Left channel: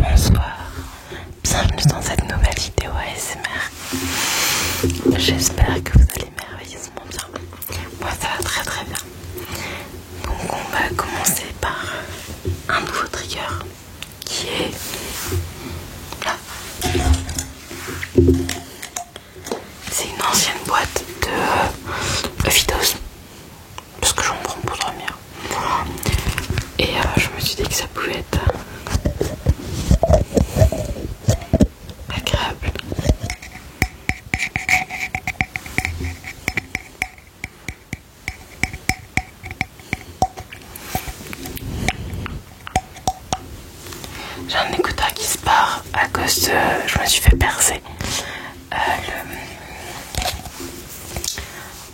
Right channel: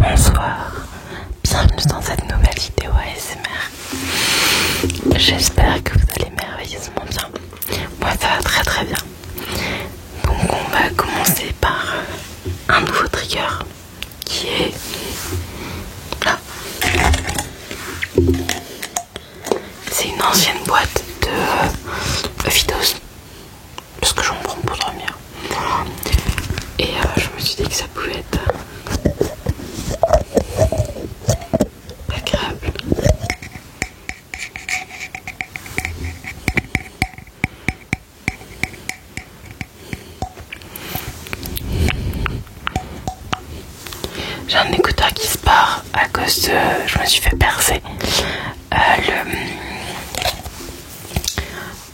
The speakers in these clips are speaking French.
Bonsoir, bienvenue dans cette nouvelle vidéo ASMR. J'espère que vous allez merveilleusement bien. Moi ça va très très bien. Donc on va commencer par un nouveau trigger qui est là. C'est une ancienne boîte de Fidos parce que j'en prends pour dormir. Et je me suis dit que ça pouvait être agréable. J'ai un écouteur qui se part à cause de... Je me suis fait percer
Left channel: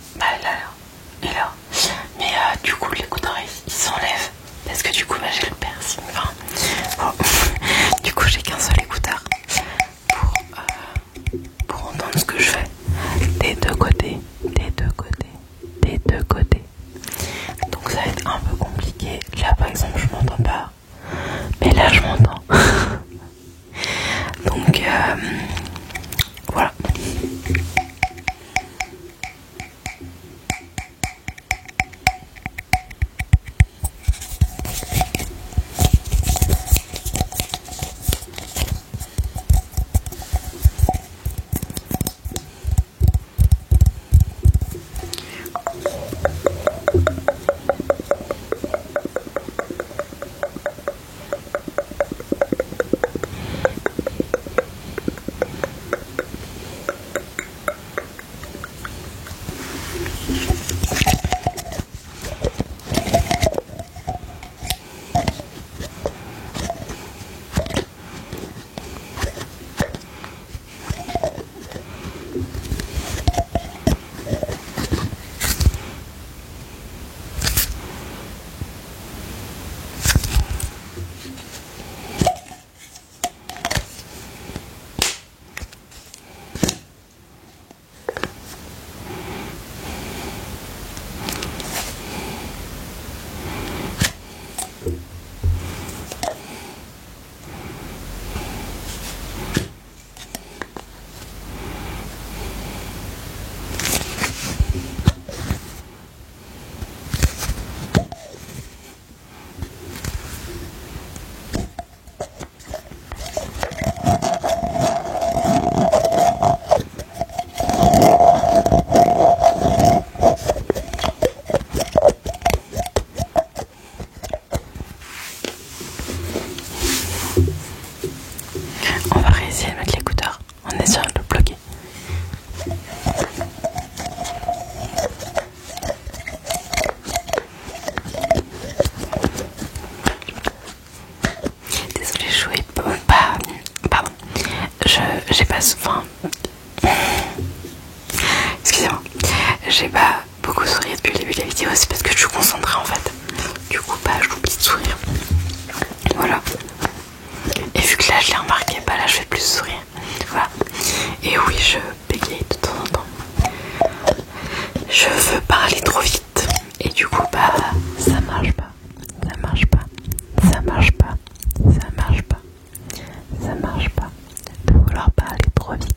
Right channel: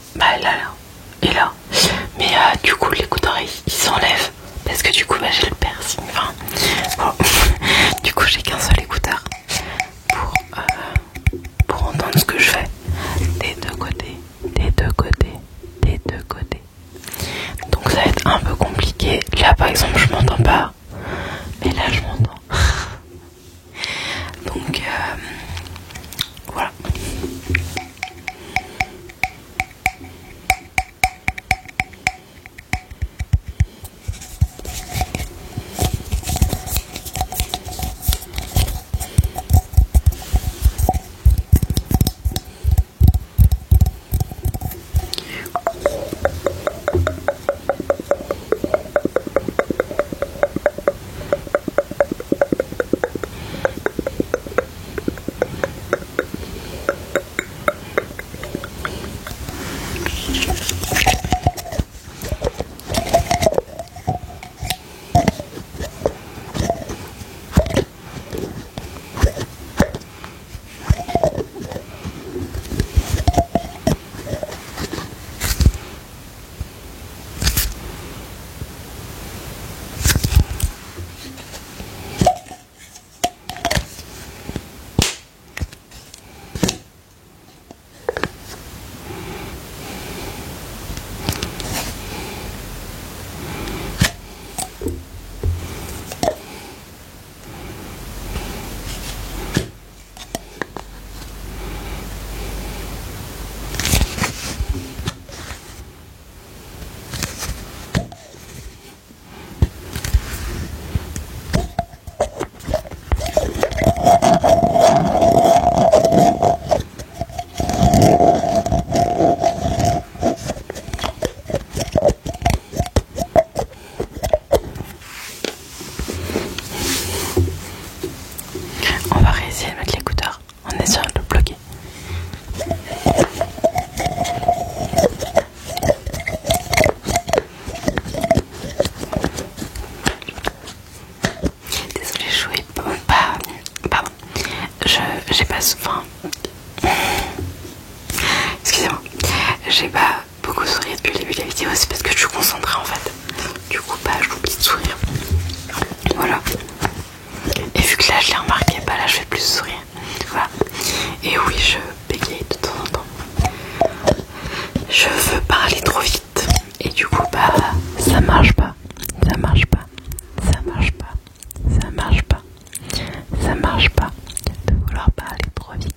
là et là. Mais du coup l'écouteur il s'enlève parce que du coup j'ai le piercing. Enfin, bon. Du coup j'ai qu'un seul écouteur pour entendre ce que je fais des deux côtés, des deux côtés, des deux côtés. Donc ça va être un peu compliqué. Là par exemple je m'entends pas, mais là je m'entends. Donc voilà. On va réessayer de mettre l'écouteur en essayant de le bloquer. Désolée, je jouais pas. Pardon. J'ai pas. Enfin. Excusez-moi. J'ai pas beaucoup souri depuis le début de la vidéo, c'est parce que je suis concentrée en fait. Du coup, j'oublie de sourire. Voilà. Et vu que là je l'ai remarqué, là je vais plus sourire. Voilà. Et oui, je bégaye de temps en temps. Je veux parler trop vite. Et du coup, ça marche pas. Ça marche pas. Ça marche pas. Ça marche pas. Ça marche pas de vouloir parler trop vite.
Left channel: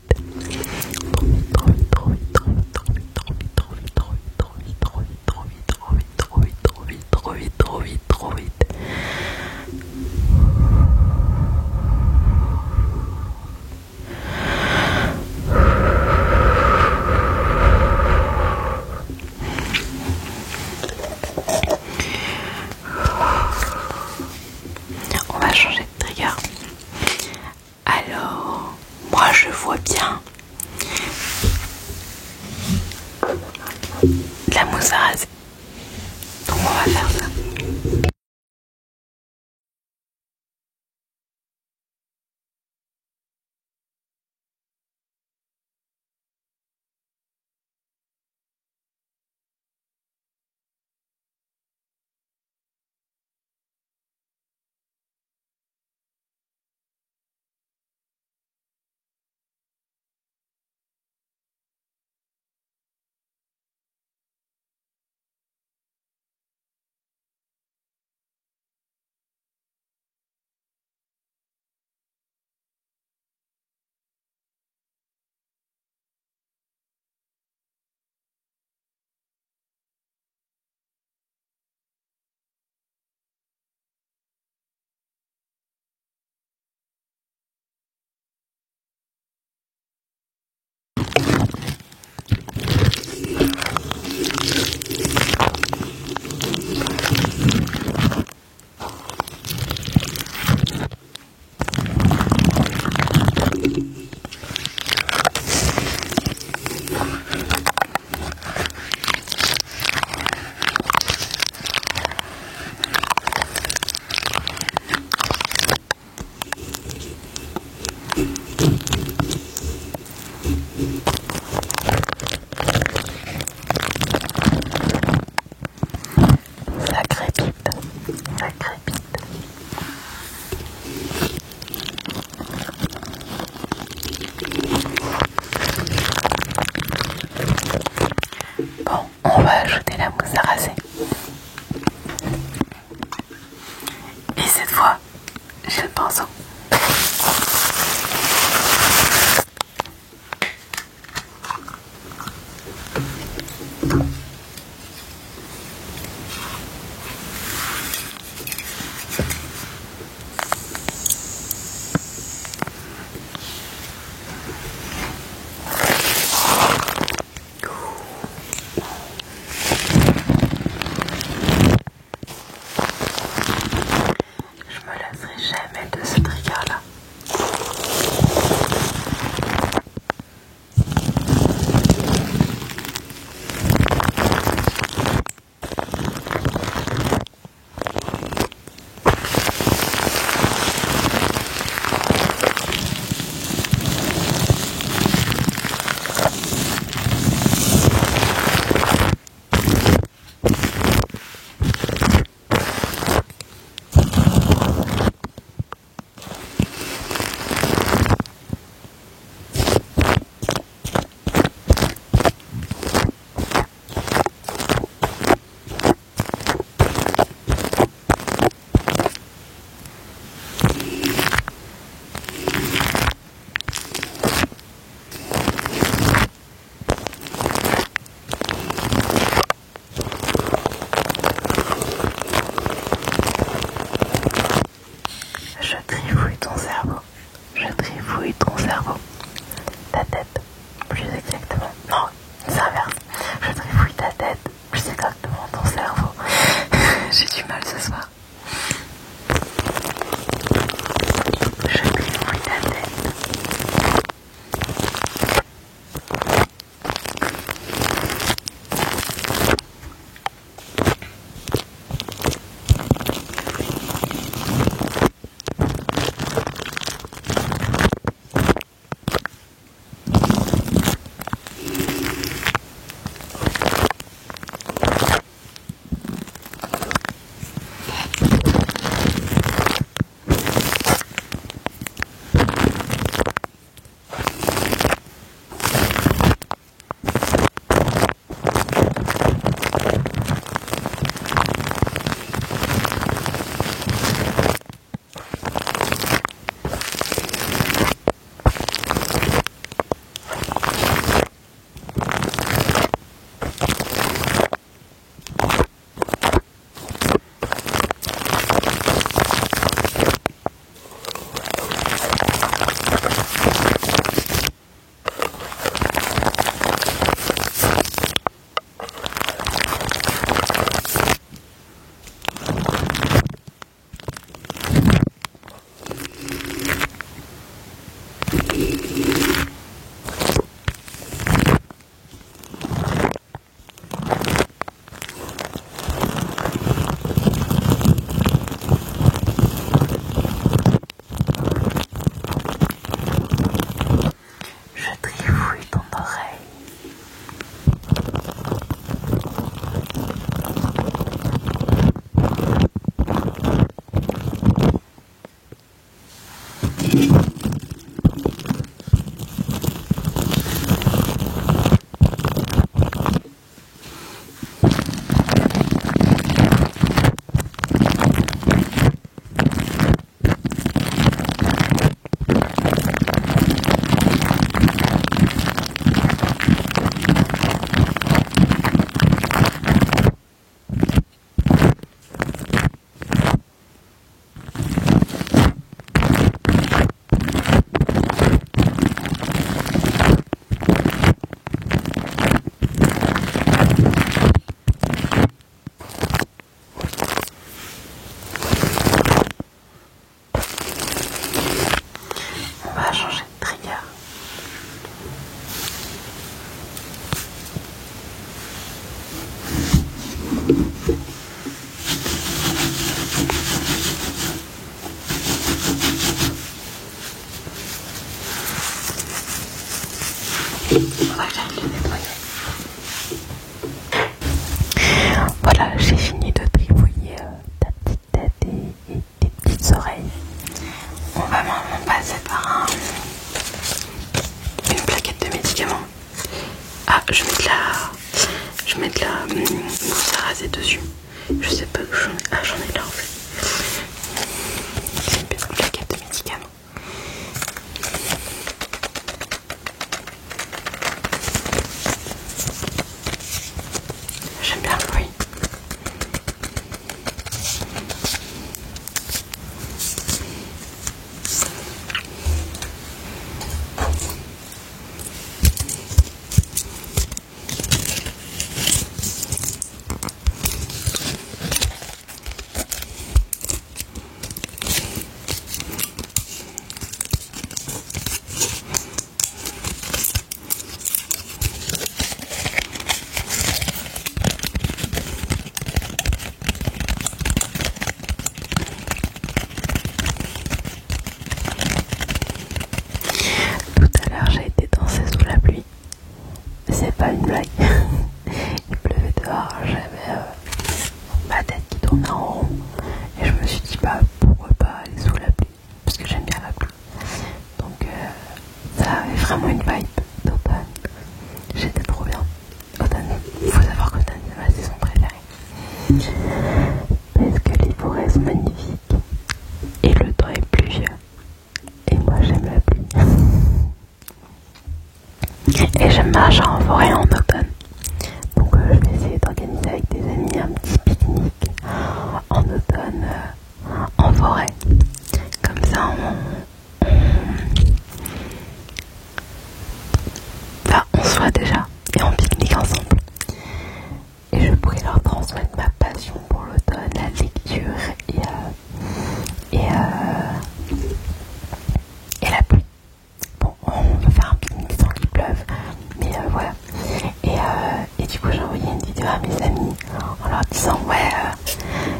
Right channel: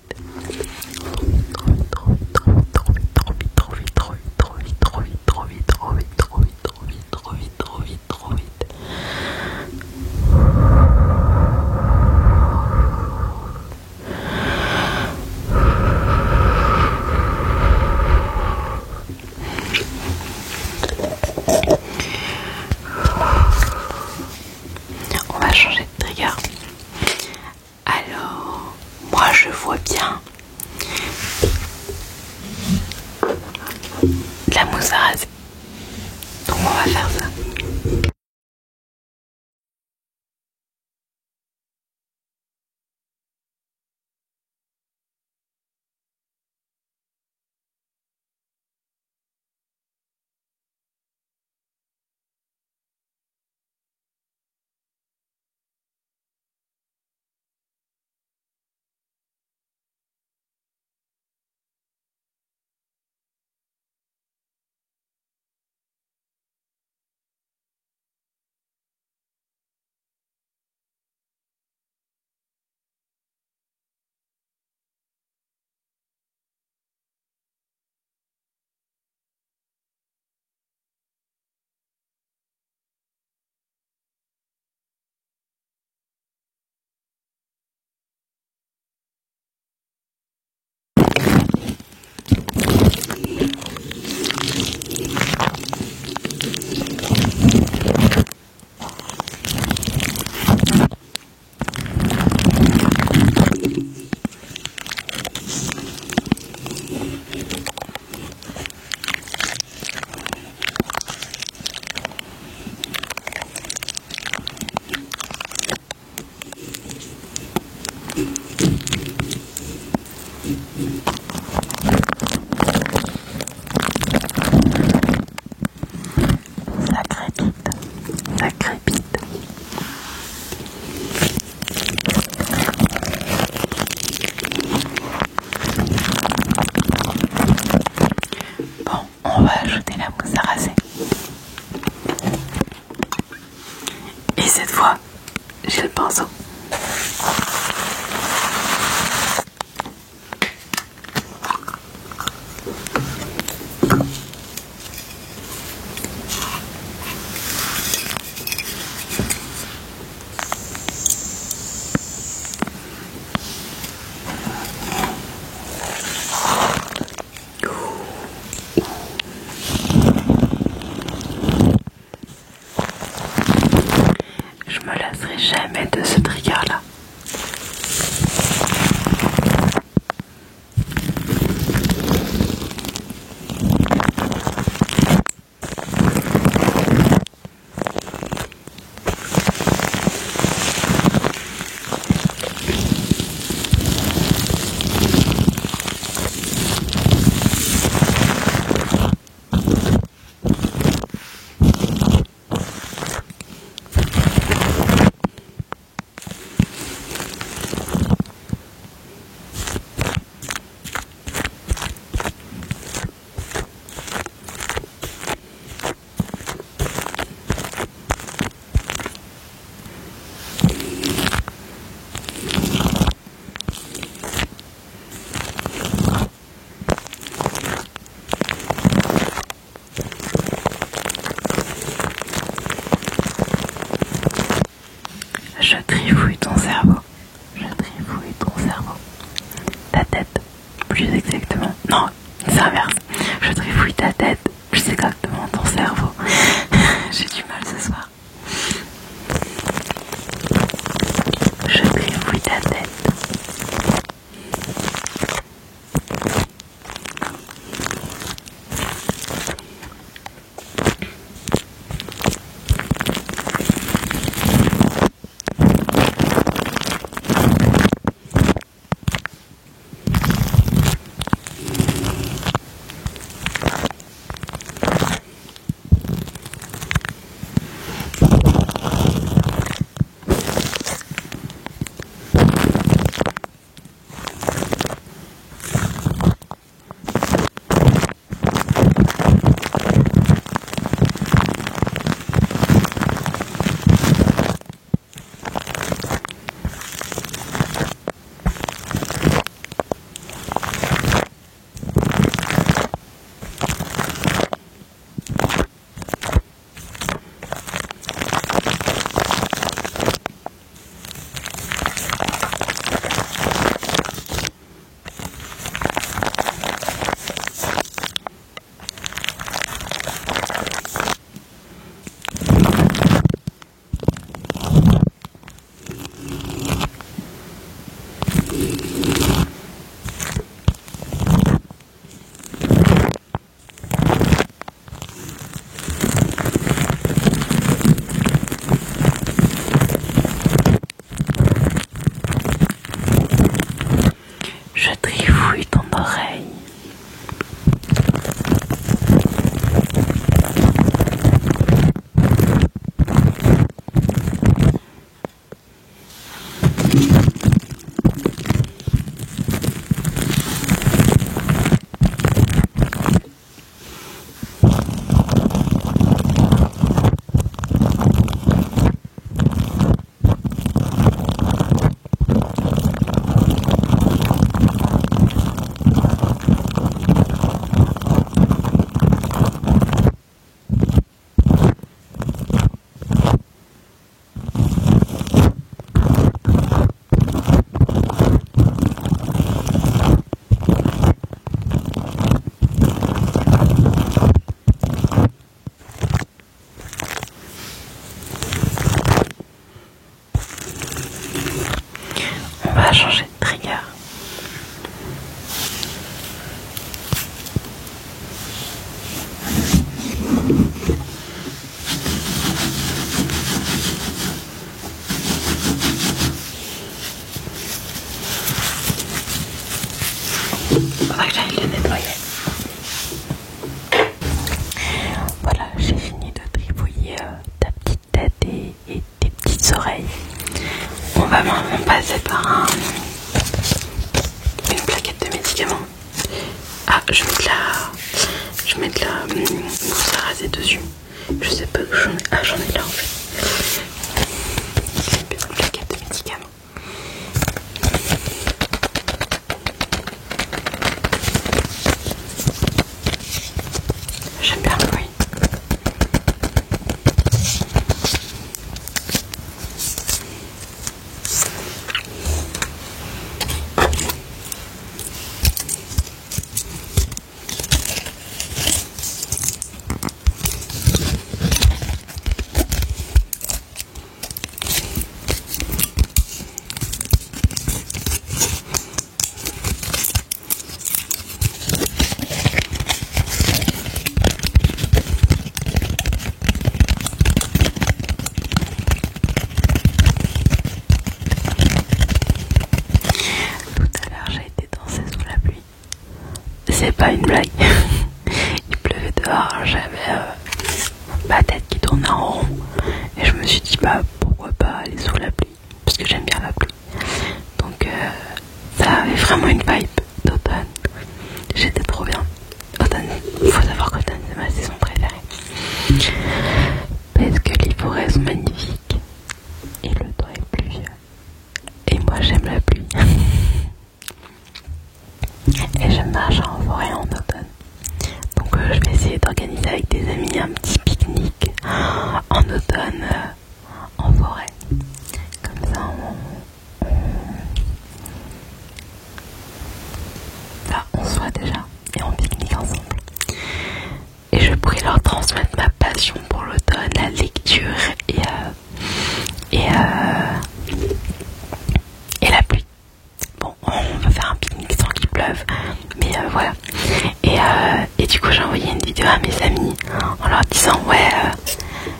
cette fois, j'ai le pinceau. Je me lasserai jamais de ce trigger là. Je trifouille ton cerveau. Je trifouille ton cerveau. Ta tête, plus exactement. Non, c'est l'inverse. Je trifouille ta tête, plus exactement ton cerveau. J'ai du mal ce soir. Je trifouille ta tête. Je trifouille ton oreille. On va changer de trigger. Faudra que j'aille le nettoyer. Voilà, j'ai fini de trifouiller ta petite tête et tes petites oreilles. On va maintenant passer par une plaquette de médicaments. Ah, je mets de la mousse à raser dessus. Je sais pas où j'en ai. Ah, j'en ai là en fait. pas aller sous la pluie parce que j'aime bien la pluie. Donc ça avait vraiment une vibe d'automne. J'étais trop bien. Automne, il faut savoir qu'automne c'est ma saison préférée. Parce que les forêts sont magnifiques et le temps est pluvieux. Et moi j'aime la pluie. Et j'aime marcher en forêt en automne. Donc je vais essayer d'organiser avec des amis un petit pique-nique en automne en forêt. Comme ça on se voit déjà et on pique-nique ensemble. Et je pourrais leur transmettre ma passion pour l'automne, la lecture et la pluie. Bon, on va faire un pique-nique sans qu'il pleuve, mais voilà. Et du coup j'ai envoyé une vidéo à mes amis en leur disant ouais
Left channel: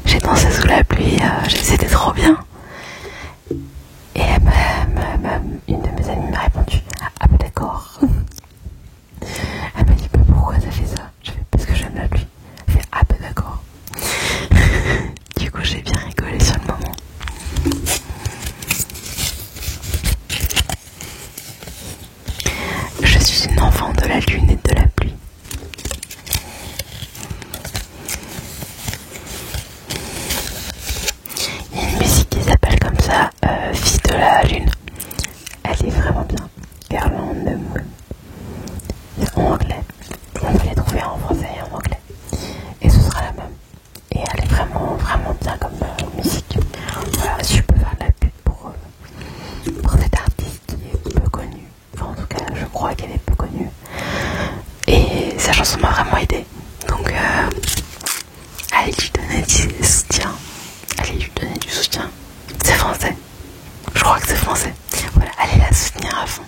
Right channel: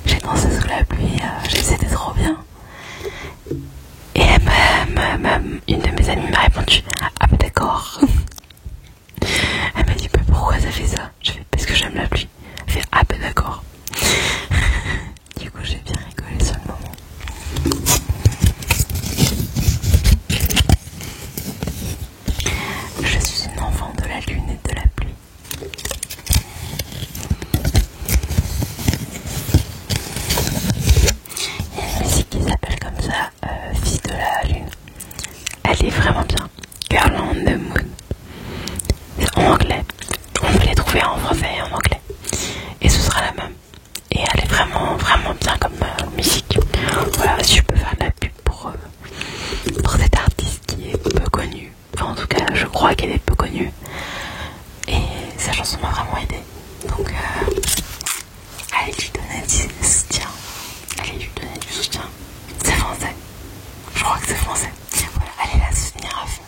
j'ai dansé sous la pluie, c'était trop bien. Et une de mes amies m'a répondu ah bah d'accord. Elle m'a dit mais pourquoi ça fait ça? Je fais parce que j'aime la pluie. Elle fait ah bah d'accord. Du coup j'ai bien rigolé sur le moment. Je suis une enfant de la lune et de la pluie. Il y a une musique qui s'appelle comme ça, Fille de la lune. Elle est vraiment bien. Girl on the Moon. C'est en anglais. On peut les trouver en français et en anglais. Et ce sera la même. Et elle est vraiment bien comme musique. Voilà, si je peux faire de la pub pour cette artiste qui est peu connue. Enfin en tout cas je crois qu'elle est peu connue. Et sa chanson m'a vraiment aidée. Donc allez lui donner du soutien. Allez lui donner du soutien. C'est français. Je crois que c'est français. Voilà, allez la soutenir à fond.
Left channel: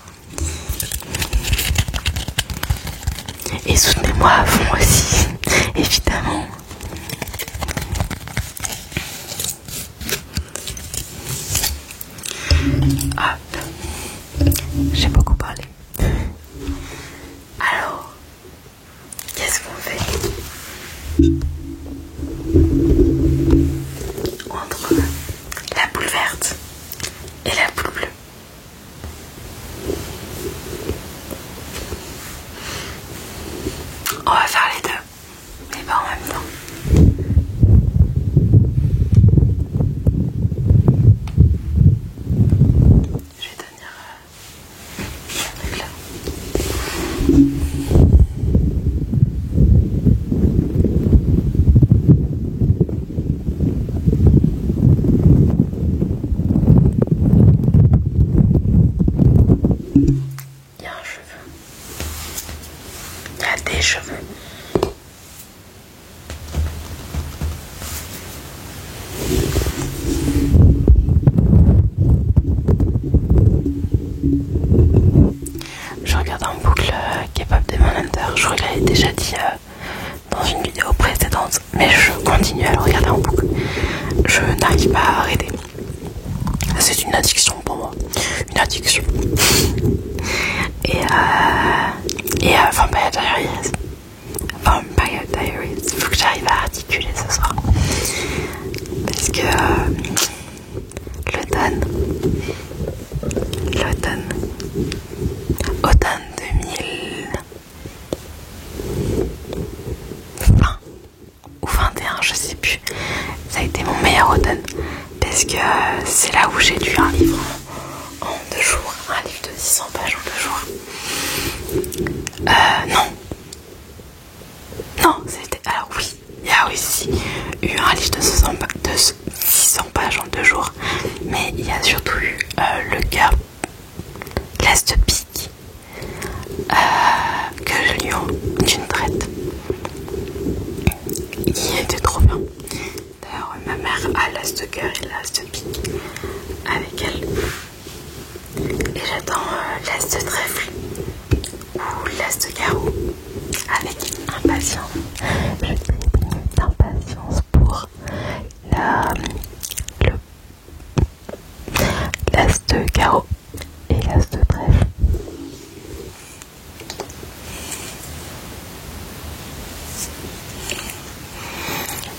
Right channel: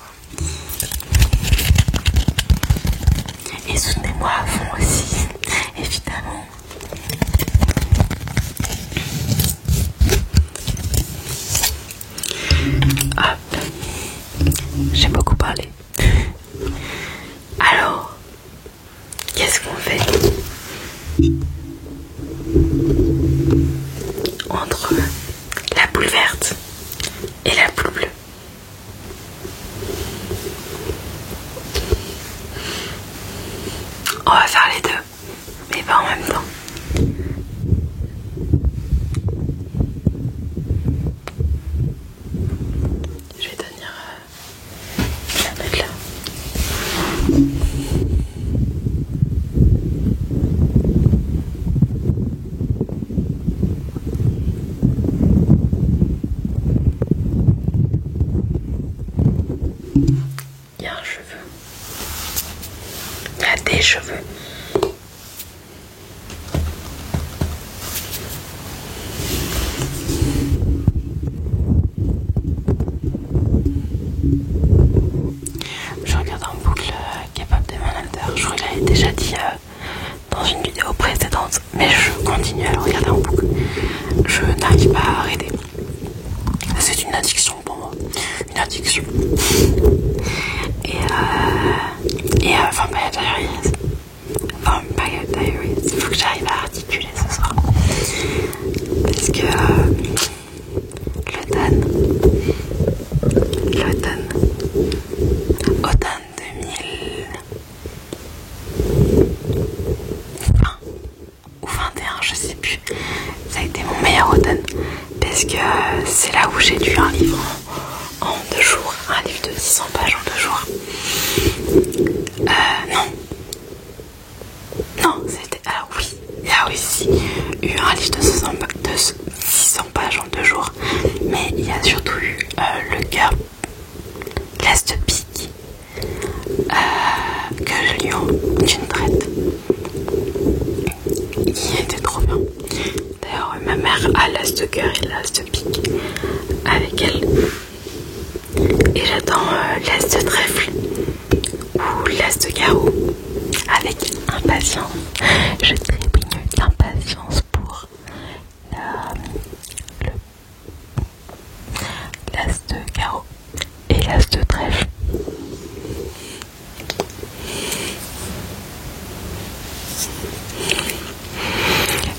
Et soutenez-moi à fond aussi, évidemment. Hop, j'ai beaucoup parlé. Alors, qu'est-ce qu'on fait entre la boule verte et la boule bleue? On va faire les deux, mais pas en même temps. Je vais tenir la mettre là. Il y a un cheveu. Il y a des cheveux. Je regarde en boucle K-pop Demon Hunter. Je crois que je l'avais déjà dit dans une vidéo précédente, mais je continue à le regarder en boucle. Je n'arrive pas à arrêter. C'est une addiction pour moi. Une addiction. Et Vampire Diaries. Vampire Diaries. Il faut que j'arrive à articuler ce soir. Parce que l'automne automne 2020 ou 21, je sais plus. Ça a été mon meilleur automne. Parce que c'est là où j'ai lu un livre en 2 jours. Un livre de 600 pages en 2 jours. Non, c'était... Alors oui, il y a aussi eu un livre de 600 pages en 2 jours. Mais il y a surtout eu Le cœur, l'as de pique, que je lis d'une traite. Il était trop bien. D'ailleurs, ma mère a l'as de cœur et l'as de pique avec elle. Et j'attends l'as de trèfle ou l'as de carreau avec impatience. Je trépigne d'impatience pour l'as de carreau et l'as de trèfle.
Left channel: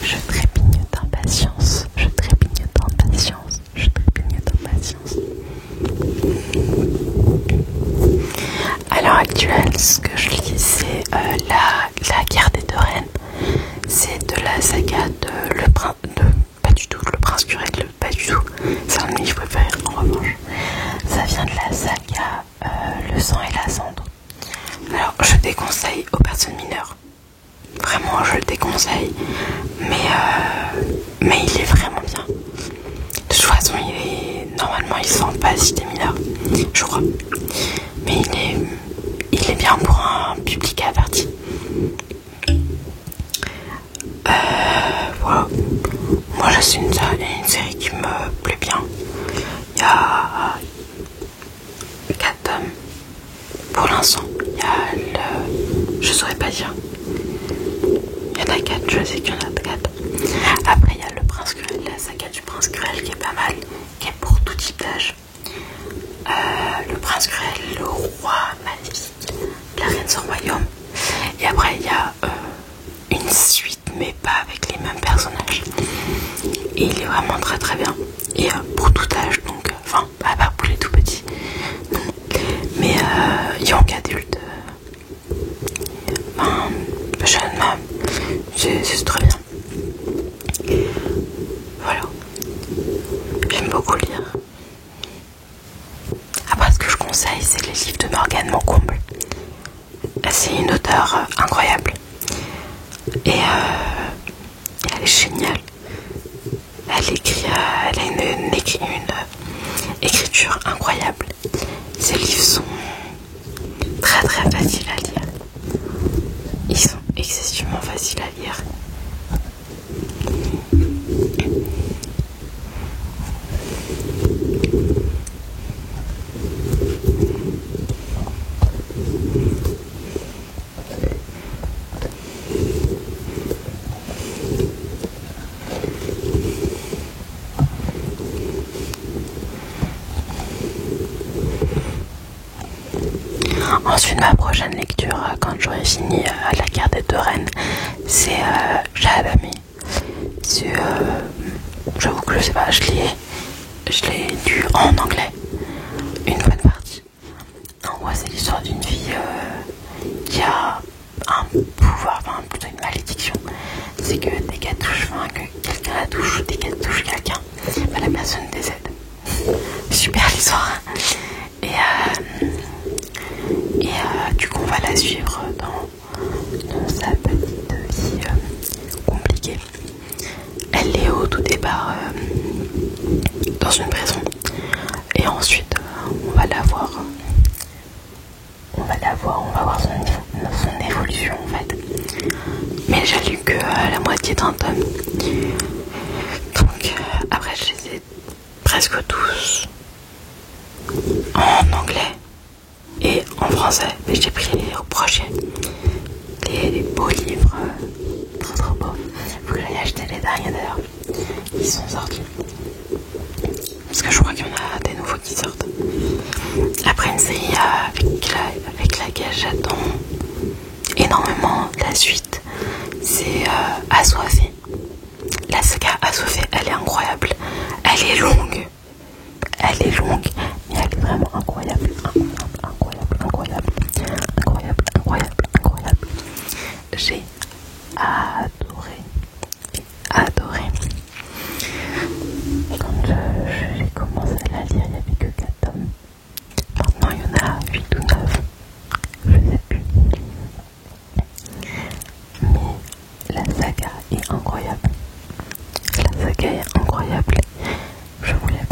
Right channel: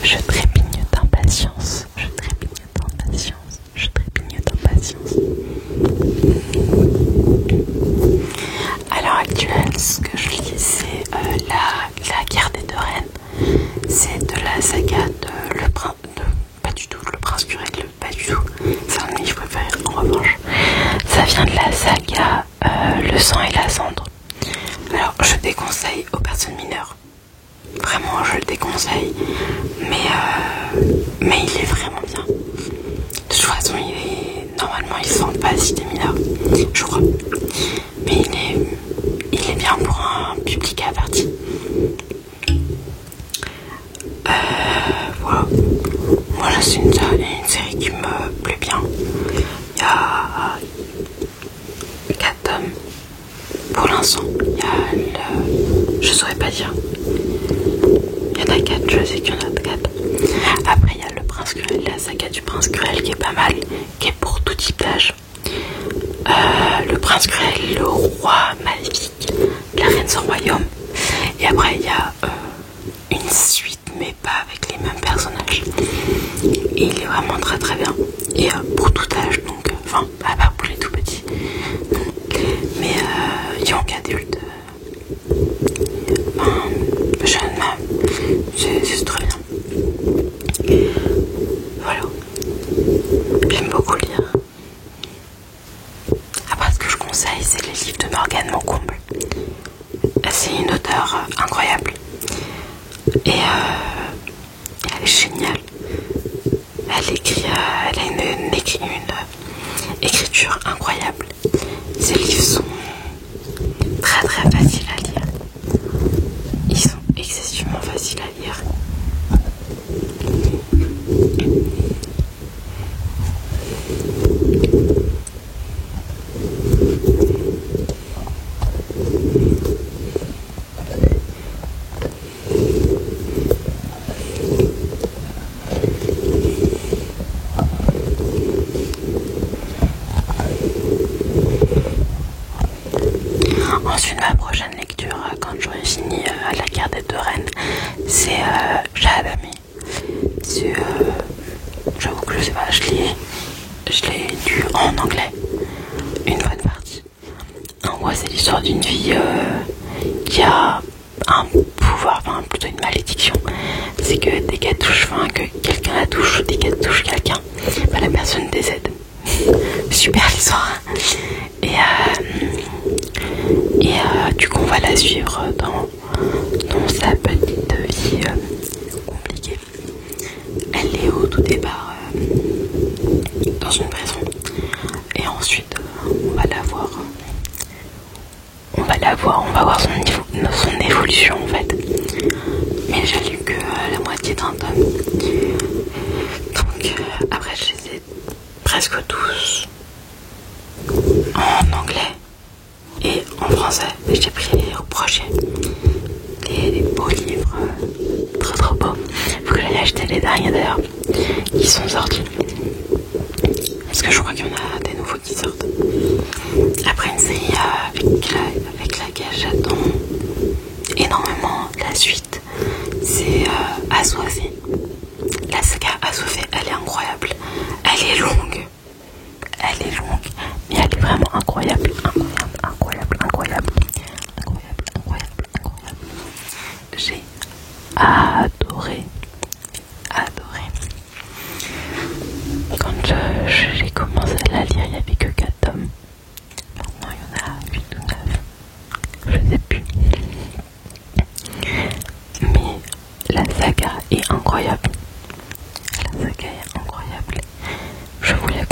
Je trépigne d'impatience. Je trépigne d'impatience. Je la saga de Le Prince... Pas du tout, Le Prince Cruel, pas du tout. C'est un de mes livres préférés en revanche. Ça vient de la saga Le Sang et la Cendre. Alors je déconseille aux personnes mineures. Vraiment je le déconseille. Mais il est vraiment bien. De toute façon normalement il sent pas si t'es mineur. Je crois. Mais il est bien pour un public averti. Voilà. Moi là c'est une série qui me plaît bien. Il y a 4 tomes pour l'instant. Il y a je saurais pas dire. Il y en a 4, je sais qu'il y en a 4. Après il y a Le Prince Cruel, la saga du Prince Cruel qui est pas mal, qui est pour tout type d'âge. Le Prince Cruel, le roi maléfique, la reine sans royaume. Et après il y a une suite mais pas avec les mêmes personnages. Et il est vraiment très très bien. Et pour tout âge, donc enfin à part pour les tout petits. Mais young adulte, jeune même, c'est très bien. Voilà. J'aime beaucoup lire. Après ce que je conseille c'est les livres de Morgane Moncomble. C'est une auteure incroyable. Et elle est géniale. Elle a une écriture incroyable. Ses livres sont très très faciles à lire. Ils sont excessivement faciles à lire. Ensuite, ma prochaine lecture, quand j'aurai fini La guerre des deux reines, c'est Shahabami. J'avoue que je sais pas, je l'ai lu en anglais, une bonne partie. En gros, c'est l'histoire d'une fille qui a un pouvoir, enfin plutôt une malédiction. C'est que dès qu'elle touche, enfin que quelqu'un la touche, dès qu'elle touche quelqu'un, bah, la personne décède. Super l'histoire. Et du coup on va la suivre dans sa petite vie compliquée. Elle est au tout départ dans une prison. Et ensuite on va voir son évolution en fait. Mais j'ai lu que la moitié d'un tome. Donc après je les ai presque tous en anglais et en français, mais j'ai pris les prochains, les beaux livres, trop trop beaux. Faut que j'aille acheter les derniers d'ailleurs, qui sont sortis, parce que je crois qu'il y en a des nouveaux qui sortent. Après une série avec laquelle j'attends énormément la suite, c'est Assoiffé. La saga Assoiffé, elle est incroyable, elle est longue, mais elle est vraiment incroyable. J'ai adoré. Quand j'ai commencé à la lire, il n'y avait que 4 tomes. Maintenant, il y en a 8 ou 9. Je ne sais plus. Mais la saga est incroyable. Je vous la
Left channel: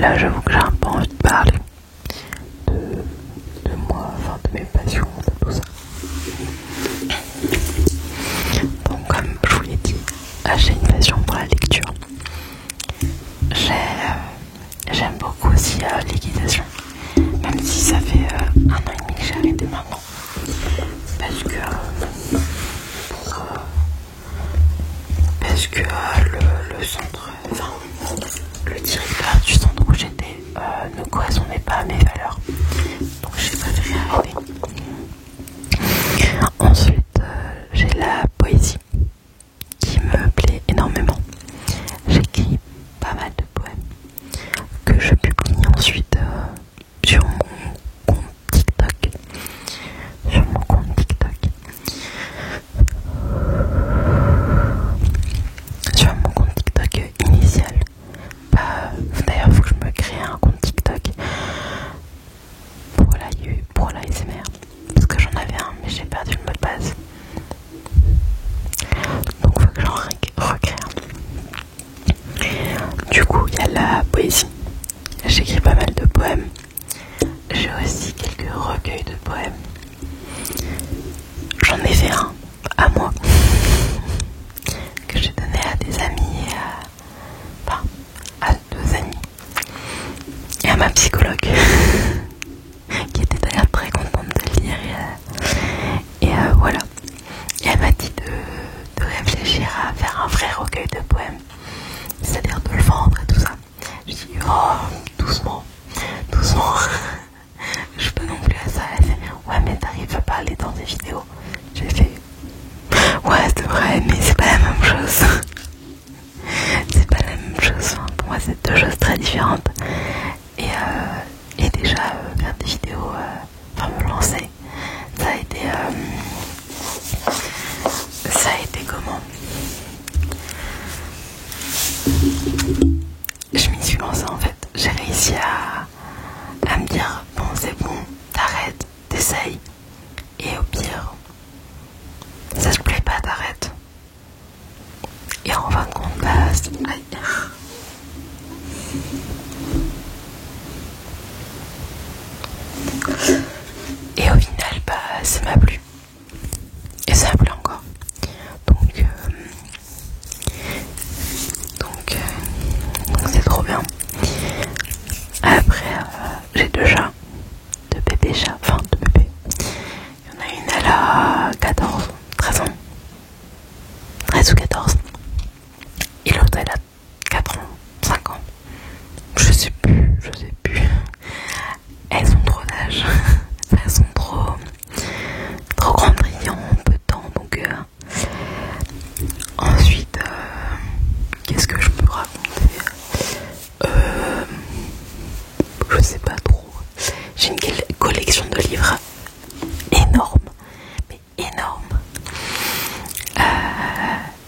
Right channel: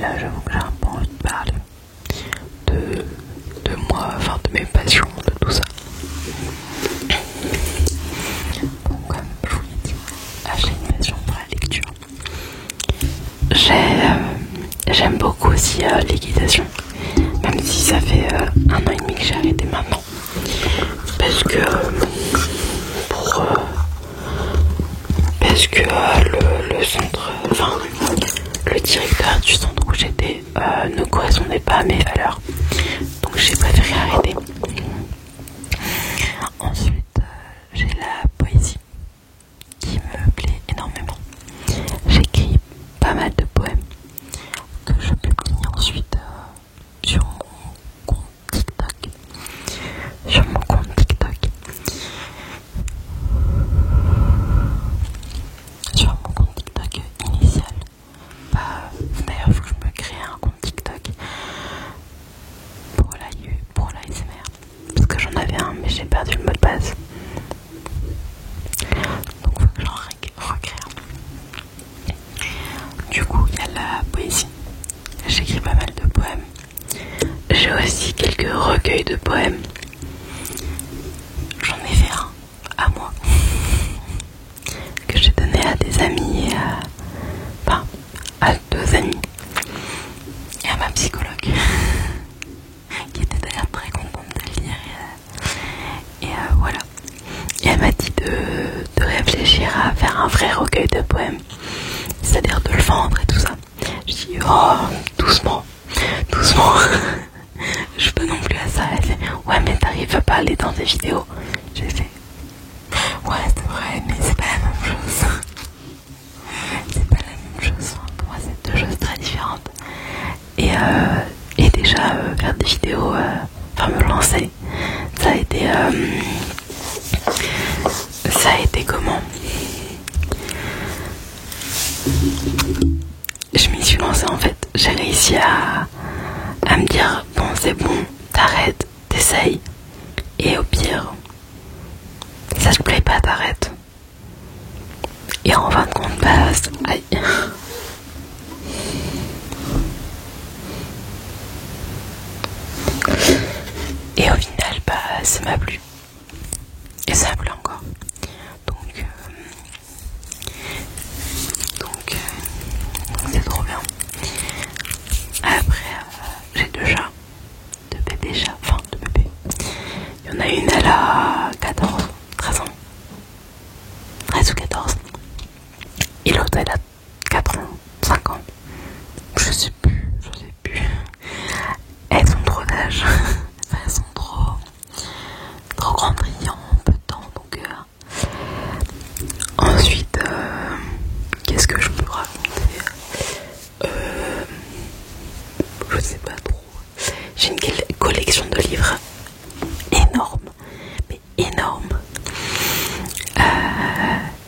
là j'avoue que j'ai un peu envie de parler de moi, enfin de mes passions, de tout ça. Donc comme je vous l'ai dit, j'ai une passion pour la lecture. J'aime beaucoup aussi l'équitation, même si ça fait 1 an et demi que j'ai arrêté maintenant. Parce que le centre, enfin le directeur du centre où j'étais ne correspondait pas à mes valeurs. Donc j'ai préféré arrêter. Ensuite j'ai la poésie qui me plaît énormément. J'écris pas mal de poèmes que je publie ensuite sur mon compte TikTok. Sur mon compte TikTok. Sur mon compte TikTok initial. D'ailleurs, il faut que je me crée un compte TikTok pour la SMR. Parce que j'en avais un, mais j'ai perdu le mot de passe. Donc il faut que j'en recrée un. Du coup, il y a la poésie. J'écris pas mal de poèmes. J'ai aussi quelques recueils de poèmes. J'en ai fait un à moi que j'ai donné à des amis et à 2 amis et à ma psychologue qui était d'ailleurs très contente de le lire et voilà. Et elle m'a dit de réfléchir à faire un vrai recueil de poèmes, c'est-à-dire de le vendre et tout ça. Je dis oh doucement je suis pas non plus à ça. Elle a fait ouais mais t'arrives à parler dans tes vidéos. J'ai fait ouais c'est vrai mais c'est pas la même chose. C'est pas la même chose. Enfin, pour moi c'est 2 choses très différentes. Et déjà faire des vidéos, me lancer, ça a été comment? Je m'y suis lancée en fait. J'ai réussi à me dire bon c'est bon, t'arrêtes, t'essayes. Et au pire, ça te plaît pas, t'arrêtes. Et en fin de compte, aïe. Et au final, ça m'a plu. Et ça m'a plu encore. Donc c'est trop bien. Après, j'ai 2 chats. 2 bébés chats. Enfin, 2 bébés. Il y en a une, elle a 13 ans. 13 ou 14. Et l'autre, elle a 4 ans, 5 ans. Je sais plus. Elles ont trop d'âge. Elles sont trop grandes en peu de temps. Donc ensuite, qu'est-ce que je peux raconter? Je sais pas trop. J'ai une collection de livres énorme, mais énorme.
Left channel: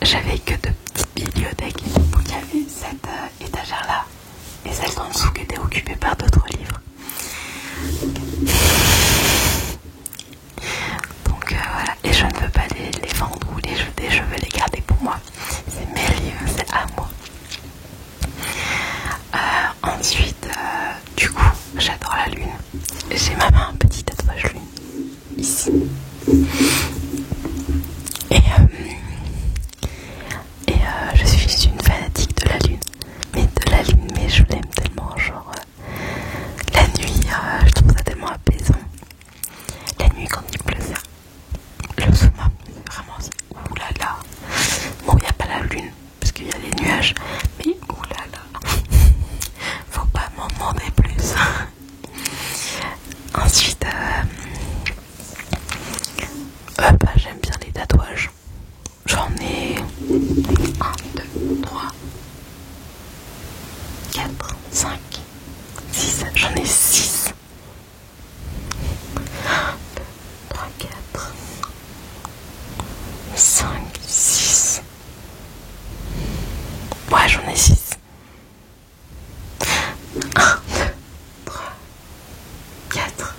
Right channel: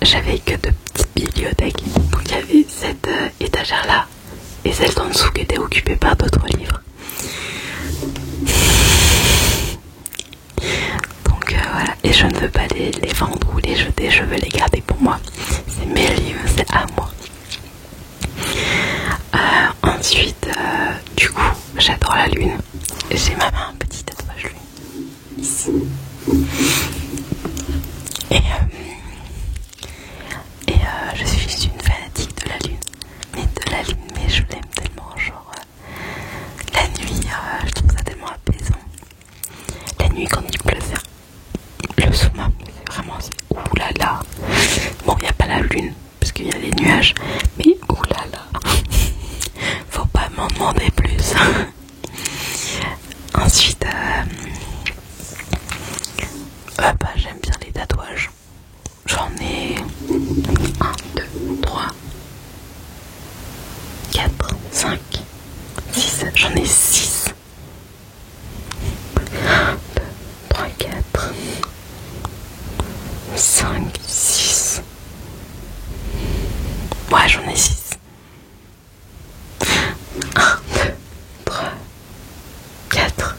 J'avais que 2 petites bibliothèques. Donc il y avait cette étagère là et celle en dessous qui était occupée par d'autres livres. Donc voilà, et je ne veux pas les vendre ou les jeter, je veux les garder pour moi. C'est mes livres, c'est à moi. Ensuite, du coup, j'adore la lune. J'ai même un petit tatouage lune ici. Je suis une fanatique de la lune. Mais je l'aime tellement, genre la nuit, je trouve ça tellement apaisant. La nuit quand il pleut, le summum, c'est vraiment oulala. Bon, il n'y a pas la lune parce qu'il y a les nuages, mais oulala. Faut pas m'en demander plus. Ensuite, j'aime bien les tatouages. J'en ai 1, 2, 3, 4, 5, 6. J'en ai 6. 1, 2, 3, 4, 5, 6. Ouais, j'en ai 6. 1, 2, 3, 4,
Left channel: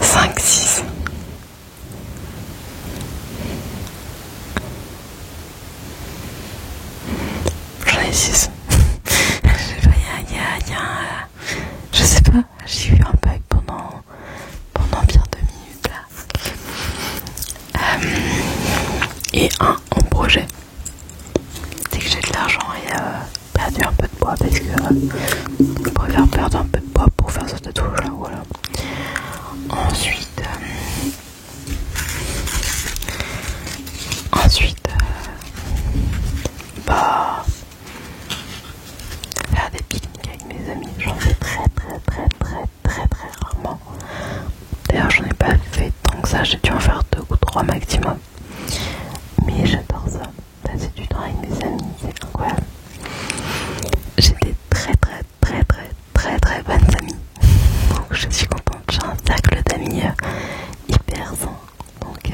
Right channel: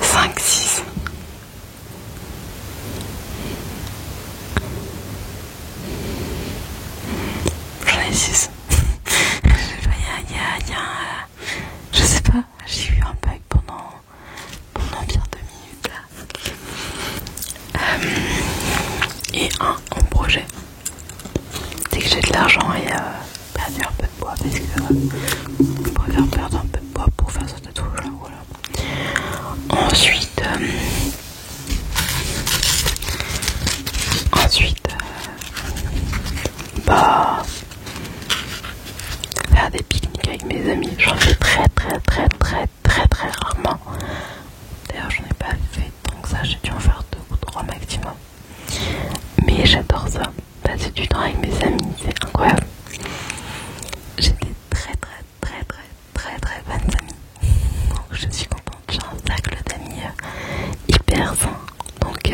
5, 6. J'en ai 6. Il y a j'ai de l'argent et perdu un peu de poids parce que je préfère perdre un peu de poids pour faire ce tatouage là, voilà. Ensuite, bah, faire des pique-niques avec mes amis, j'en fais très rarement. D'ailleurs j'en ai pas fait tant que ça, j'ai dû en faire 2 ou 3 maximum. Mais j'adore ça, passer du temps avec mes amis, c'est incroyable. J'ai des très bonnes amies. Donc je suis contente, j'ai un cercle d'amis hyper sain. Donc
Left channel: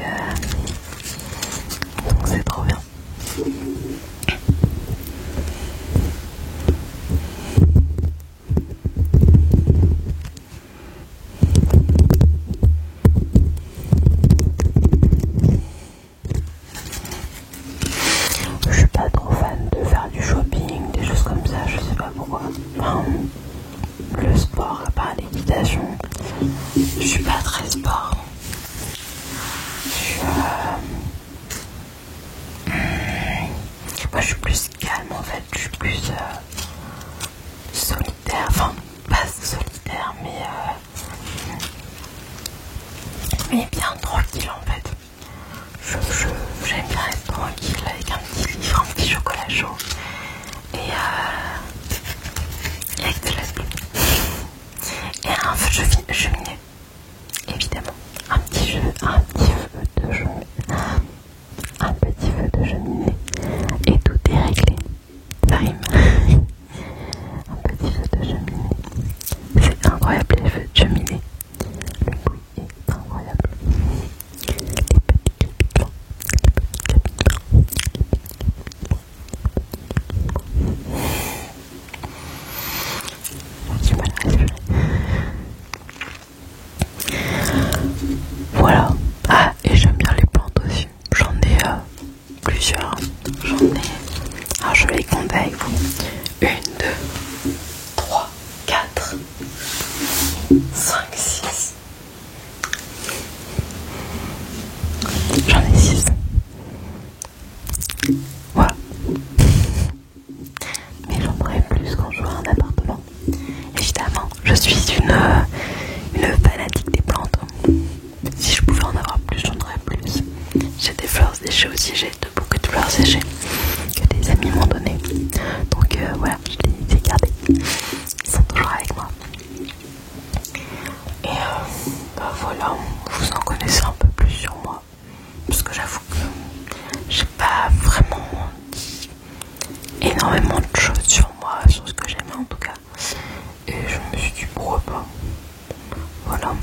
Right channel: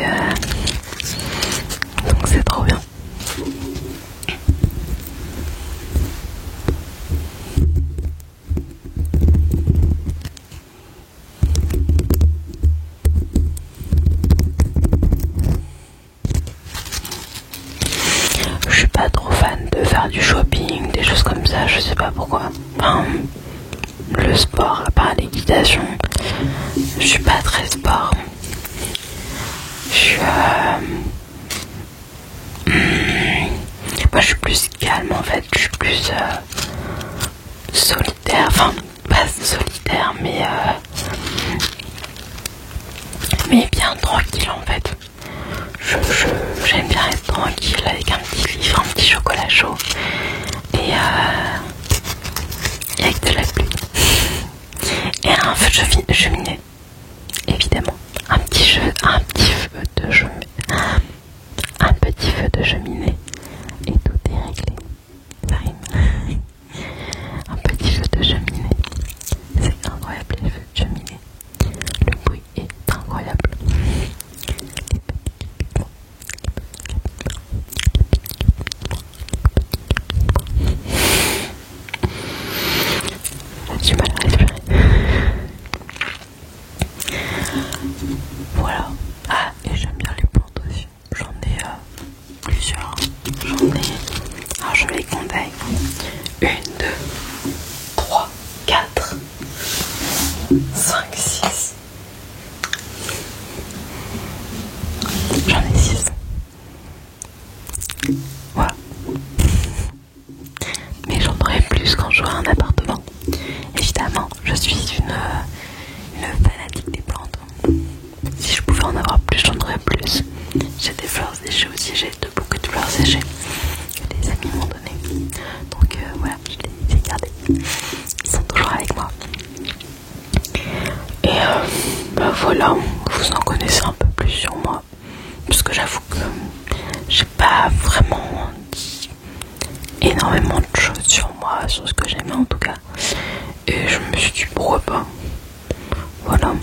c'est trop bien. Je suis pas trop fan de faire du shopping, des choses comme ça, je sais pas pourquoi. Enfin, le sport, à part l'équitation, je suis pas très sport. Moi je suis plus calme en fait, je suis plus solitaire, enfin pas solitaire mais bien tranquille en fait. J'aime bien être tranquille avec un petit livre, un petit chocolat chaud et avec de la pluie et un feu de cheminée, évidemment, un petit feu de cheminée, et tout est réglé. Ça rime. Un petit feu de cheminée, c'est incroyable les feux de cheminée. Le bruit est incroyable. Les petits crépitements. J'ai du mal à respirer. Voilà. Ah, et j'aime bien les plantes aussi. J'en ai plusieurs. Alors je vais les compter avec vous. 1, 2, 3, 4, 5, 6. J'en ai 6. Voilà. Mais j'en aurai plus quand j'aurai un appartement. Évidemment, je suis une fanatique des plantes. Si je pouvais en avoir plus, j'en aurais plus. J'ai des fleurs séchées aussi, j'ai beaucoup de fleurs séchées que des amis m'ont donné. Donc voilà, je les ai gardées. Ils sont toujours avec moi. Et bah voilà, vous en connaissez un peu plus sur moi. Parce que j'avoue que j'ai pas vraiment dit énormément de choses sur moi, sur ce que j'aimais en tout cas. Et je me suis dit pourquoi pas. Voilà,